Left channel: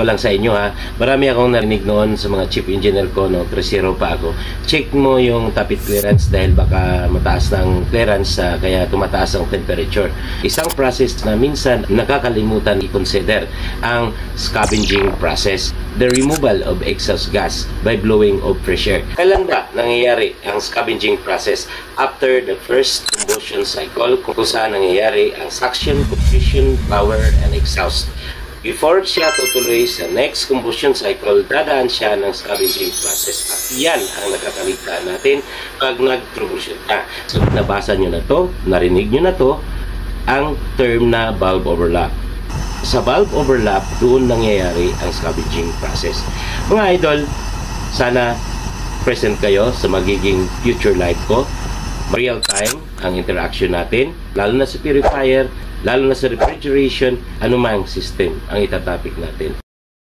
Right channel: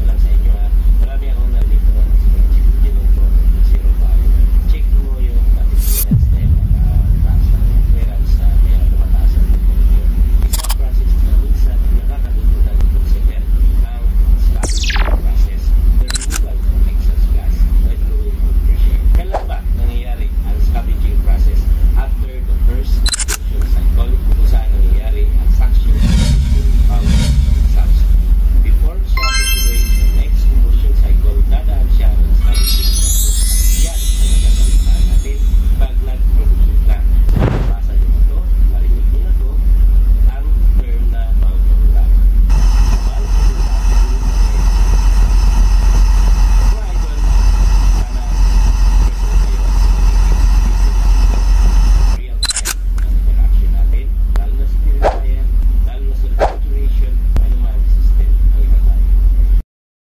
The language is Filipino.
ko lang sa inyo ha. Marami akong narinig noon sa mga chief engineer ko, no, 3-0 pa ako. Check mo yung tappet clearance dahil baka mataas ng clearance kaya tumataas ang temperature. Isang process na minsan nakakalimutan i-consider ang scavenging process. The removal of exhaust gas by blowing of fresh air. Kailan ba nangyayari ang scavenging process? After the first combustion cycle, kung saan nangyayari ang suction, combustion, power, and exhaust. Before siya tutuloy sa next combustion cycle, dadaan siya ng scavenging process. At yan ang nakakaligta natin pag nag-troubleshoot na. So, nabasa nyo na to, narinig nyo na to, ang term na valve overlap. Sa valve overlap, doon nangyayari ang scavenging process. Mga idol, sana present kayo sa magiging future life ko. Real time ang interaction natin, lalo na sa purifier, lalo na sa refrigeration, anumang system ang itatopic natin.